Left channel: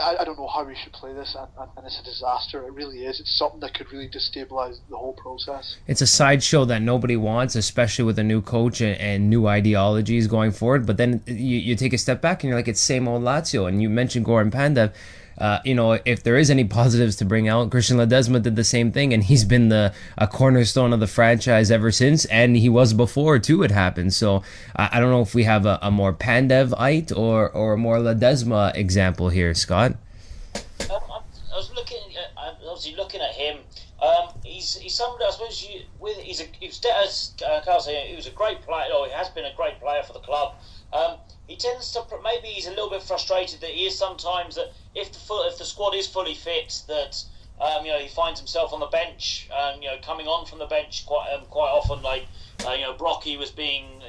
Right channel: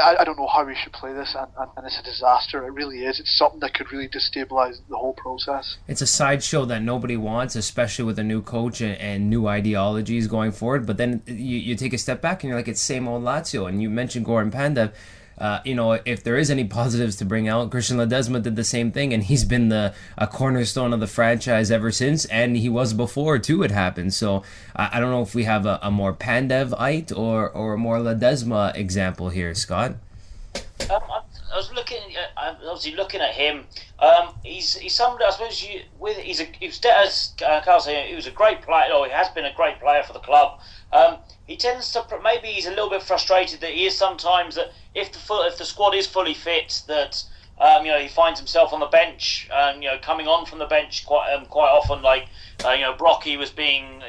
I don't know how we should play this, and it's a disaster. It really is. It's something that could really destabilize the whole process. It's a sideshow that nobody wants, especially with a new coach and new ideologies going forward. But then you take a step back and you're like, it's same old Lazio. And you mentioned Goran Pandev. If there is any positives to bring out, Christian Ledesma did the same thing, and he's been a cornerstone of the franchise ever since, and he was before too. It happened. So I don't know if we have a more Pandev-ite or a more Ledesma example here, Scott. I was looking, obviously looking at him. He's somebody, I suppose, as Carl said, he was a great player, or he has been a great player for the club. He tends to, maybe he's a little bit frustrated that he is sometimes that if the squad is fully fit, that he finds himself on the bench, coming on from the bench quite often. Like Brocky was being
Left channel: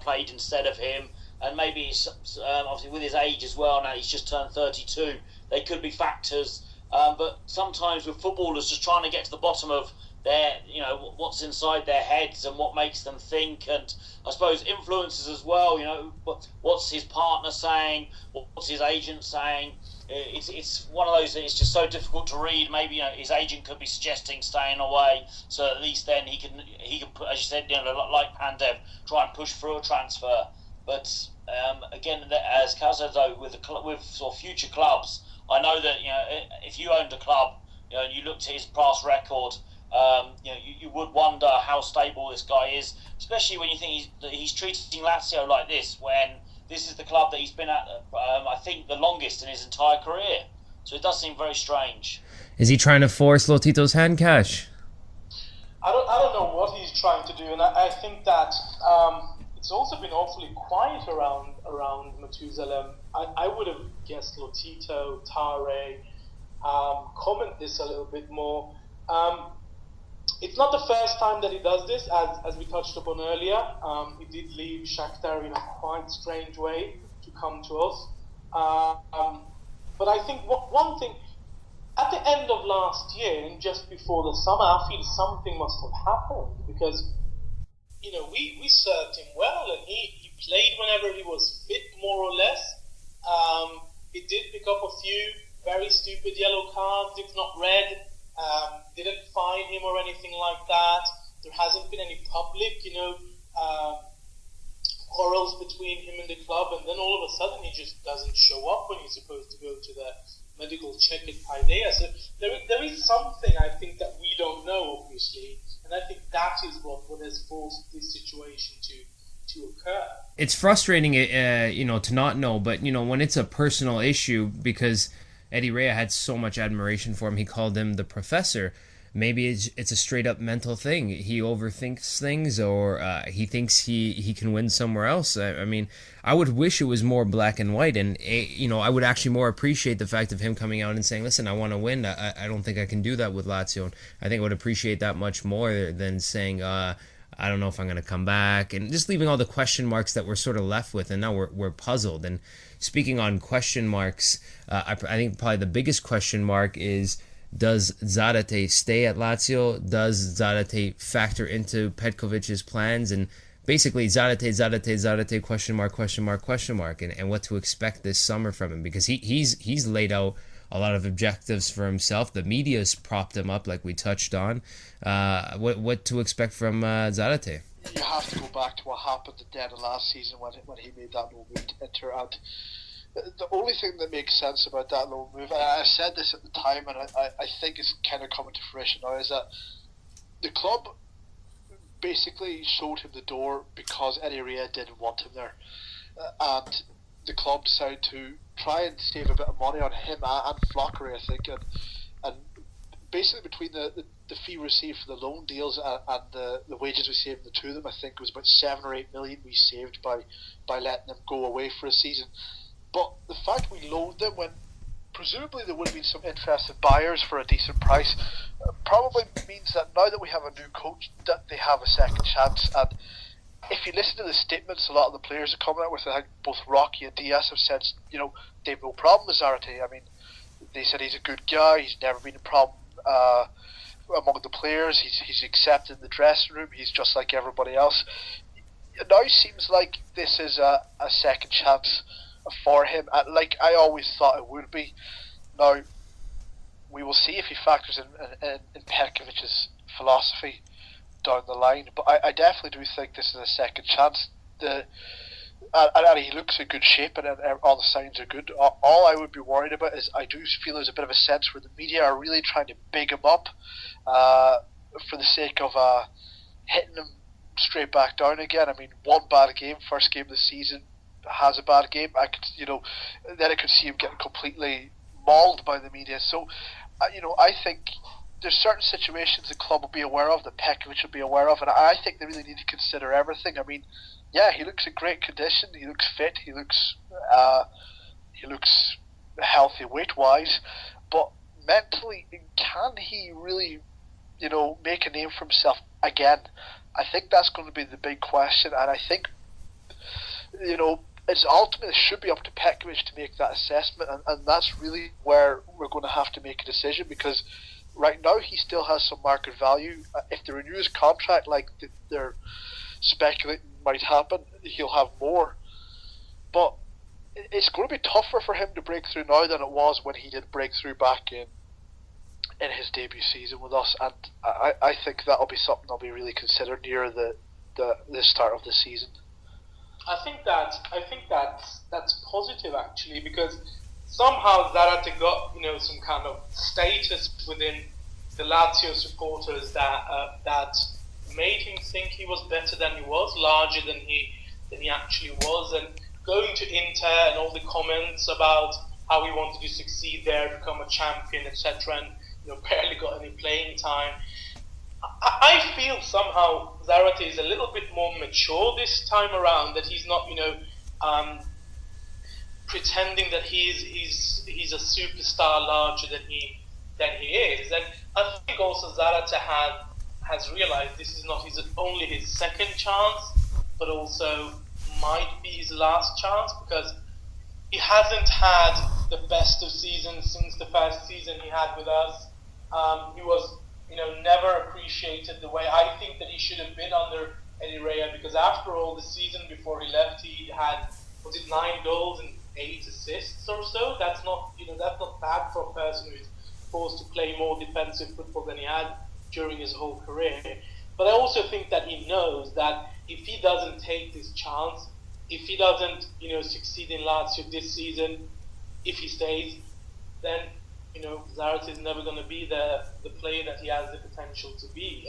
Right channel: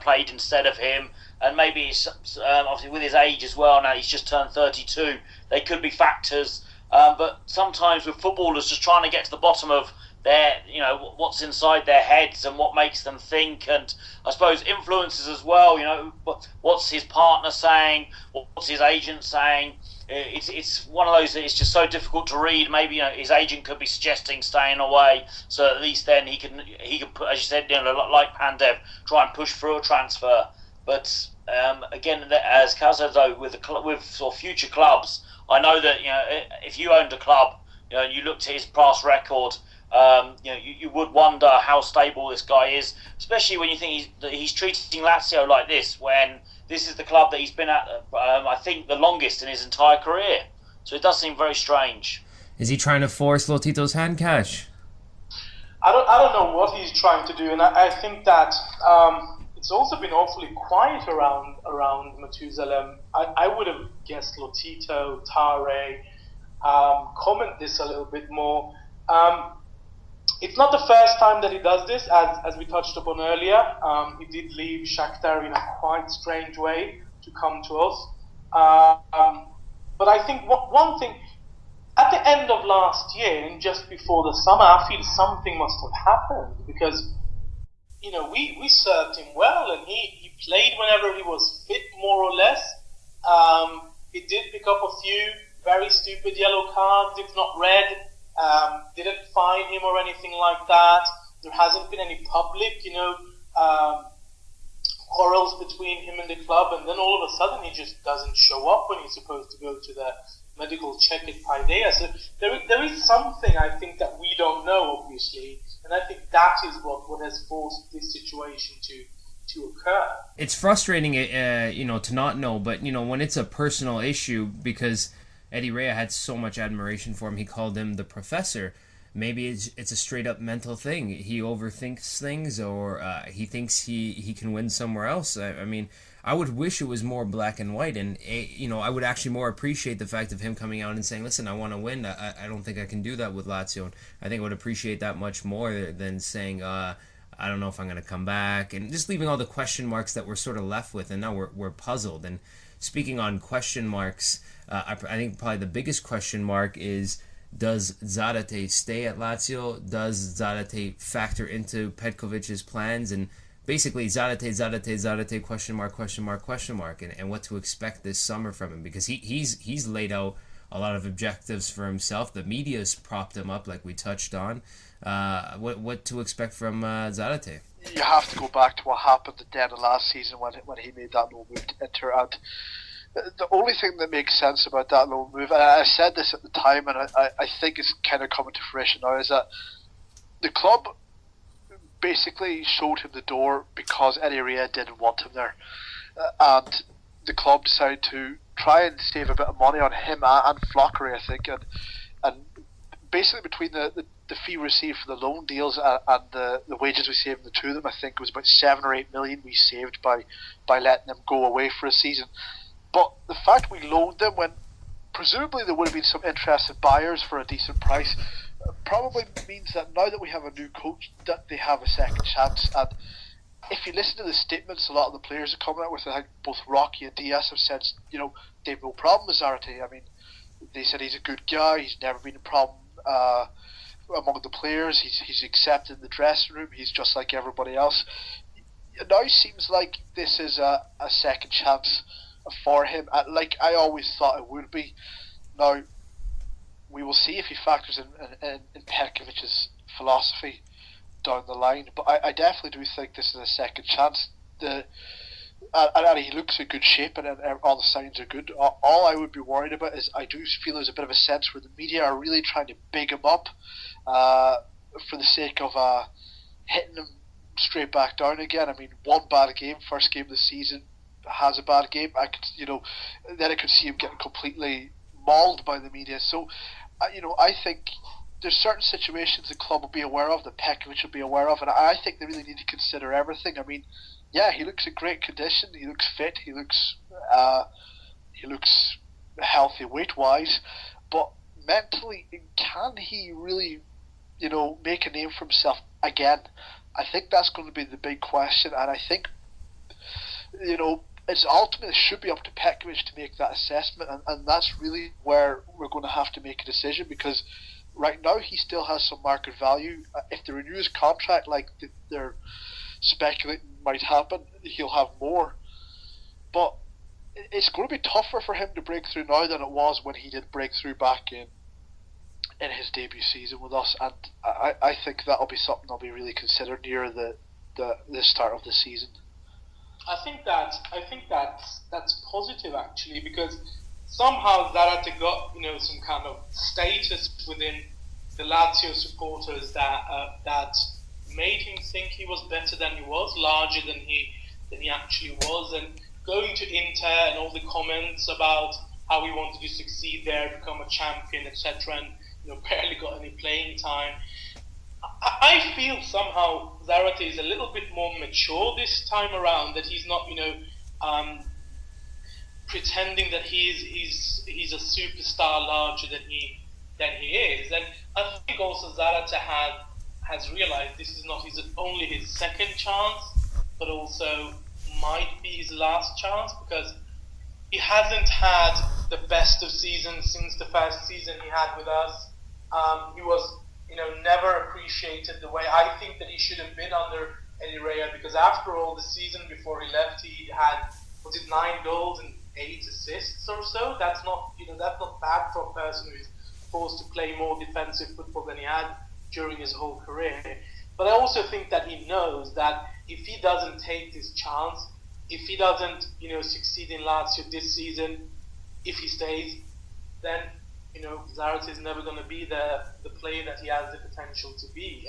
played instead of him, and maybe it's, obviously with his age as well. Now he's just turned 32. They could be factors, but sometimes with footballers, just trying to get to the bottom of their, what's inside their heads and what makes them think, and I suppose influences as well. What's his partner saying? What's his agent saying? It's one of those that it's just so difficult to read. Maybe his agent could be suggesting staying away, so at least then he can put, as you said, like Pandev, try and push through a transfer. But again, as Kaz said though, with sort of future clubs, I know that if you owned a club, and you looked at his past record. You would wonder how stable this guy is, especially when you think he's treating Lazio like this, when this is the club that he's been at, I think, the longest in his entire career. So it does seem very strange. Is he trying to force Lotito's hand, Cash? I don't know what he's trying to do, and I think that it's also been awfully quiet around Methusalem. I would have guessed Lotito, Tare, comment this a little bit more. It's not the first time that he does this, as we touched upon earlier. He did leave Shakhtar in a quite strange way to come to us. But I think one thing, at the end of last year and just before the summer, I feel something must have happened, because we served him well, and he played whenever he was fit, more or less. He did pick up a few very stupid yellow cards, if not red. Didn't fine him or anything like that. There hasn't been any public, quarrels between him and the club, and then all of a sudden he just doesn't show up when he's supposed to go to the medical check at Paideia. So there is something, I think, that we don't know, obviously, and I think that is what has forced this situation to occur. It's frustrating, to not know, but when it's a personal issue, because Eddie Rea had so much admiration for him. He called him the professor. Maybe it's a straight up mental thing. He overthinks things, or he thinks he can win somewhere else. I mean, I would wish it was more black and white, and I would actually more appreciate the fact of him coming out and saying, "Listen, I want to win. I don't think I can do that with Lazio." And I think I would appreciate that much more than saying, "I don't know if I'm going to come back," and just leaving all the question marks that we're sort of left with, and now we're puzzled. And speaking on question marks, I think probably the biggest question mark is, does Zarate stay at Lazio? Does Zarate factor into Petkovic's plans? And basically, Zarate, question mark, and what to expect this summer from him, because he's laid out a lot of objectives for himself. The media's propped him up, like we touched on. What to expect from Zarate? You have to go back to what happened at the end of last season when he made that no move to Inter. And the only thing that makes sense about that loan move, and I said this at the time, and I think it's kind of coming to fruition now, is that the club basically showed him the door because Eddie Rea didn't want him there. And the club decided to try and save a bit of money on him and Flockery, I think. And basically between the fee received for the loan deals and the wages we saved the two of them, I think it was about 7 or 8 million we saved by letting them go away for a season. But the fact we loaned them when presumably there would have been some interested buyers for a decent price probably means that now that we have a new coach, that they have a second chance. And if you listen to the statements a lot of the players are coming out with, I think both Rocky and Diaz have said, they have no problem with Zarate. I mean, they said he's a good guy, he's never been a problem among the players, he's accepted in the dressing room, he's just like everybody else. It now seems like this is a second chance for him, like I always thought it would be. Now, we will see if he factors in Petkovic's philosophy down the line, but I definitely do think this is a second chance. And he looks in good shape, and all the signs are good. All I would be worried about is I do feel there's a bit of a sense where the media are really trying to big him up for the sake of hitting him straight back down again. I mean, one bad game, first game of the season, has a bad game. Then I could see him getting completely mauled by the media. So, I think there's certain situations the club will be aware of, that Petkovic will be aware of, and I think they really need to consider everything. I mean, yeah, he looks in great condition. He looks fit. He looks healthy weight-wise, but mentally, can he really, make a name for himself again? I think that's going to be the big question, and I think, it's ultimately should be up to Petkovic to make that assessment, and that's really where we're going to have to make a decision, because right now he still has some market value. If they renew his contract like they're speculating might happen, he'll have more. But it's going to be tougher for him to break through now than it was when he did break through back in his debut season with us, and I think that'll be something that'll be really considered near the start of the season. I think that's positive actually, because somehow Zarate got some kind of status within the Lazio supporters that made him think he was better than he was, larger than he actually was, and going to Inter and all the comments about how he wanted to succeed there, become a champion, etc., and barely got any playing time. I feel somehow Zarate is a little bit more mature this time around, that he's not pretending that he's a superstar larger than he is, and I think also Zarate has realized this is not only his second chance, but also might be his last chance, because he hasn't had the best of seasons since the first season he had with us. He was, never appreciated the way I think that he should have been under Eddie Rea, because after all, the season before he left, he had, 9 goals and 8 assists or so? That's not bad for a person who's forced to play more defensive football than he had during his whole career. But I also think that he knows that if he doesn't take this chance, if he doesn't, succeed in Lazio this season, if he stays, then Zarate is never going to be the player that he has the potential to be,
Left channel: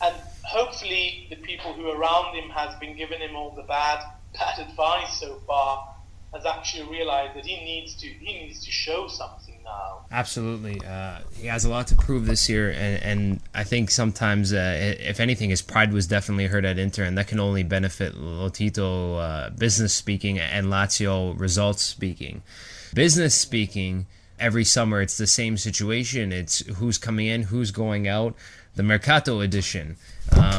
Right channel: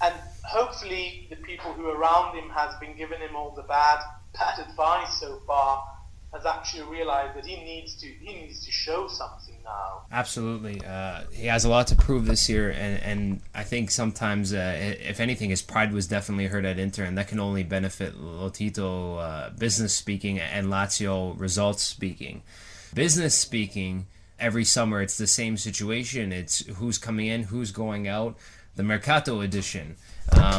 and hopefully the people who are around him has been giving him all the bad advice so far, has actually realized that he needs to show something now. Absolutely, he has a lot to prove this year, and I think sometimes, if anything, his pride was definitely hurt at Inter, and that can only benefit Lotito, business speaking, and Lazio results speaking. Business speaking, every summer it's the same situation. It's who's coming in, who's going out. The Mercato edition.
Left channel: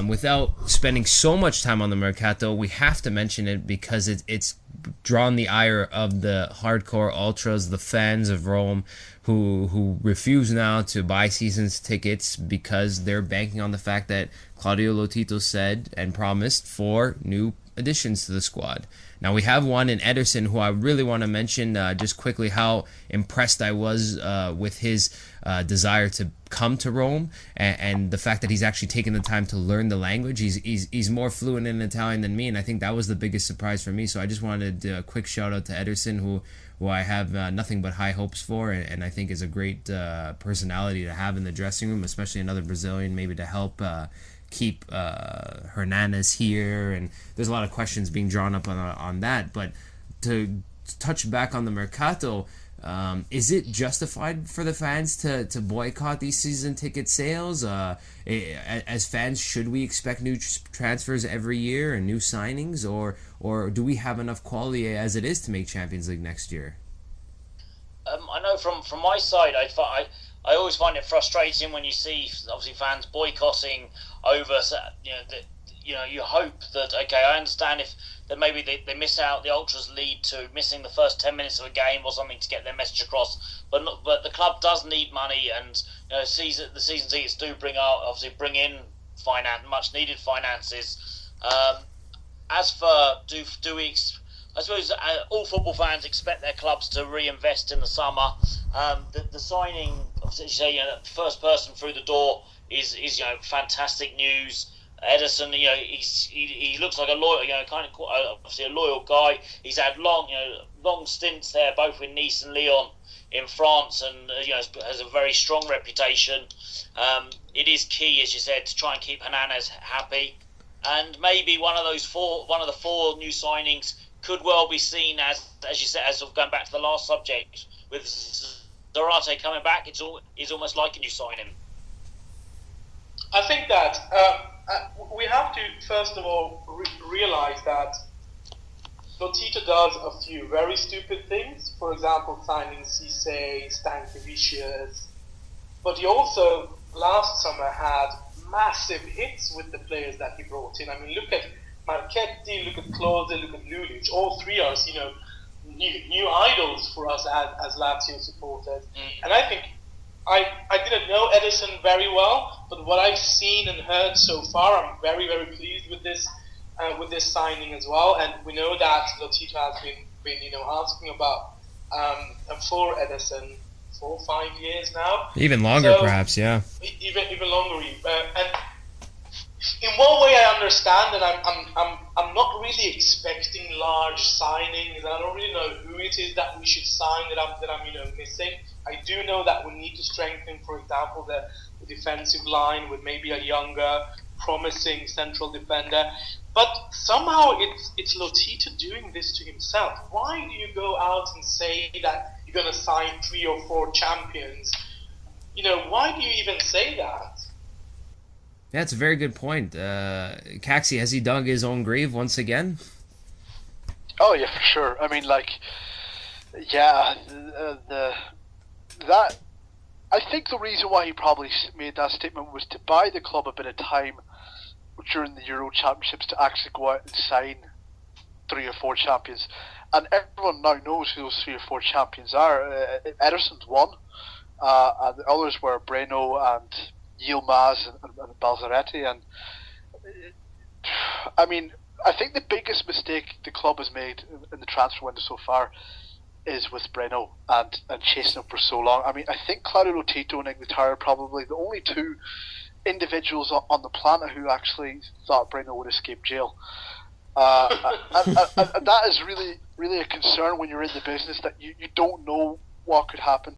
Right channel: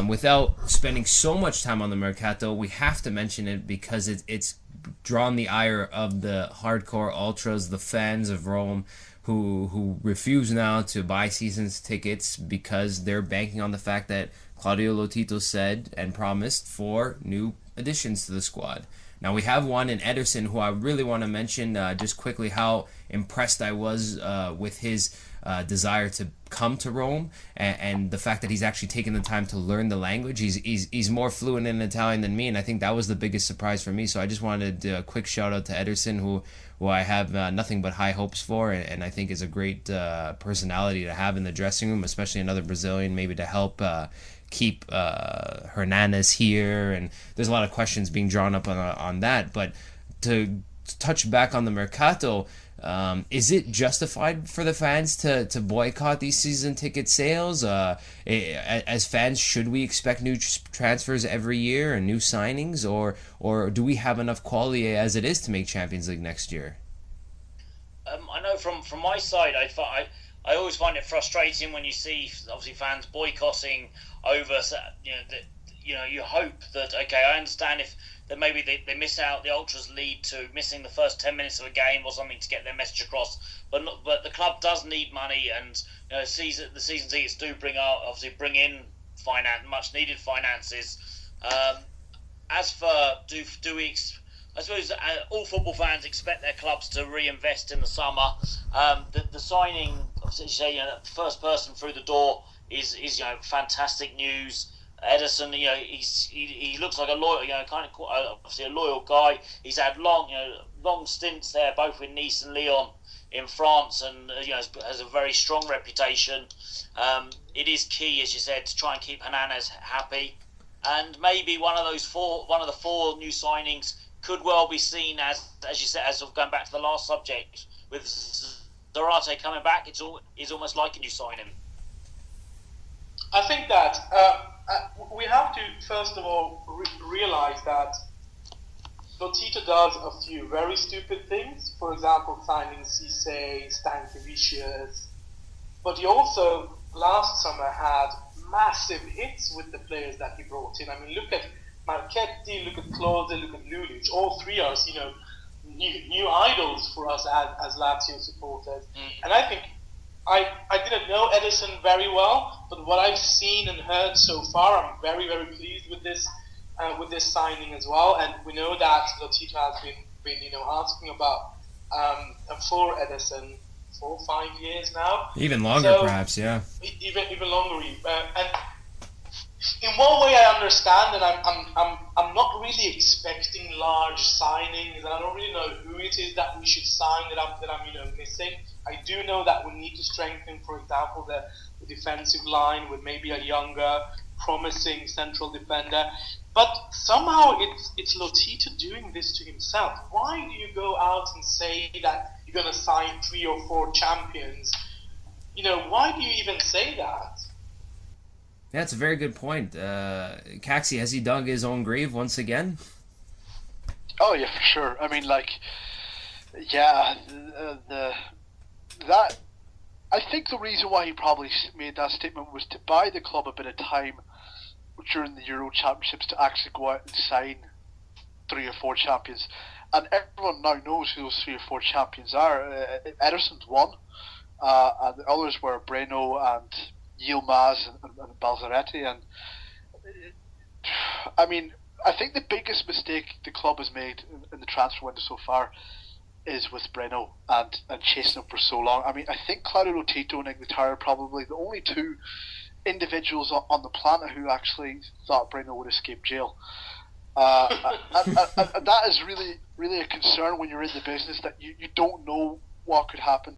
Without spending so much time on the Mercato, we have to mention it because it's drawn the ire of the hardcore ultras, the fans of Rome, who refuse now to buy season's tickets because they're banking on the fact that Claudio Lotito said and promised 4 new additions to the squad. Now we have one in Ederson, who I really want to mention just quickly how impressed I was with his desire to come to Rome, and the fact that he's actually taken the time to learn the language. He's more fluent in Italian than me, and I think that was the biggest surprise for me. So I just wanted a quick shout out to Ederson, who I have nothing but high hopes for, and I think is a great personality to have in the dressing room, especially another Brazilian maybe to help keep Hernandez here, and there's a lot of questions being drawn up on that. But to touch back on the Mercato, is it justified for the fans to boycott these season ticket sales? As fans, should we expect new transfers every year and new signings, or do we have enough quality as it is to make Champions League next year? I know from my side, I always find it frustrating when you see obviously fans boycotting over. You hope that, okay, I understand if that maybe they miss out, the ultras lead to missing the first 10 minutes of a game or something to get their message across. But the club does need money, and the season tickets do bring in much needed finances. As for do we I suppose all football fans expect their clubs to reinvest in the summer. The signing, as you say, the first person through the door is fantastic news. Edison, he looks like a loyal, kind of obviously a loyal guy. He's had long stints there, both with Nice and Lyon in France, and has a very strong reputation. It is key, as you said, to try and keep Hernandez happy, and maybe one of the four new signings could well be seen as you said, as going back to the last subject with Zarate coming back. It's almost like a new signing. I think that we have to first of all realize that Lotito does a few very stupid things. For example, signing Cisse, Stankovic, but he also last summer had massive hits with the players that he brought in. I mean, look at Marchetti, look at Klose, look at Lulic. All three are, new idols for us as Lazio supporters. And I think I didn't know Edison very well, but what I've seen and heard so far, I'm very, very pleased with this signing as well. And we know that Lotito has been asking about for Edison 4 or 5 years now. Even longer, perhaps, yeah. Even longer. And in one way, I understand that I'm not really expecting large signings. I don't really know who it is that we should sign that I'm missing. I do know that we need to strengthen, for example, the defensive line with maybe a younger, promising central defender. But somehow it's Lotito doing this to himself. Why do you go out and say that you're going to sign 3 or 4 champions? Why do you even say that? Yeah, it's a very good point. Caxi, has he dug his own grave once again? Oh yeah, for sure. I mean, I think the reason why he probably made that statement was to buy the club a bit of time during the Euro Championships to actually go out and sign 3 or 4 champions. And everyone now knows who those 3 or 4 champions are. Ederson's one, and the others were Breno and Yilmaz and Balzaretti. And I mean, I think the biggest mistake the club has made in the transfer window so far is with Breno and chasing him for so long. I mean, I think Claudio Lotito and Ignataro are probably the only 2 individuals on the planet who actually thought Breno would escape jail. And that is really, really a concern when you're in the business, that you don't know what could happen.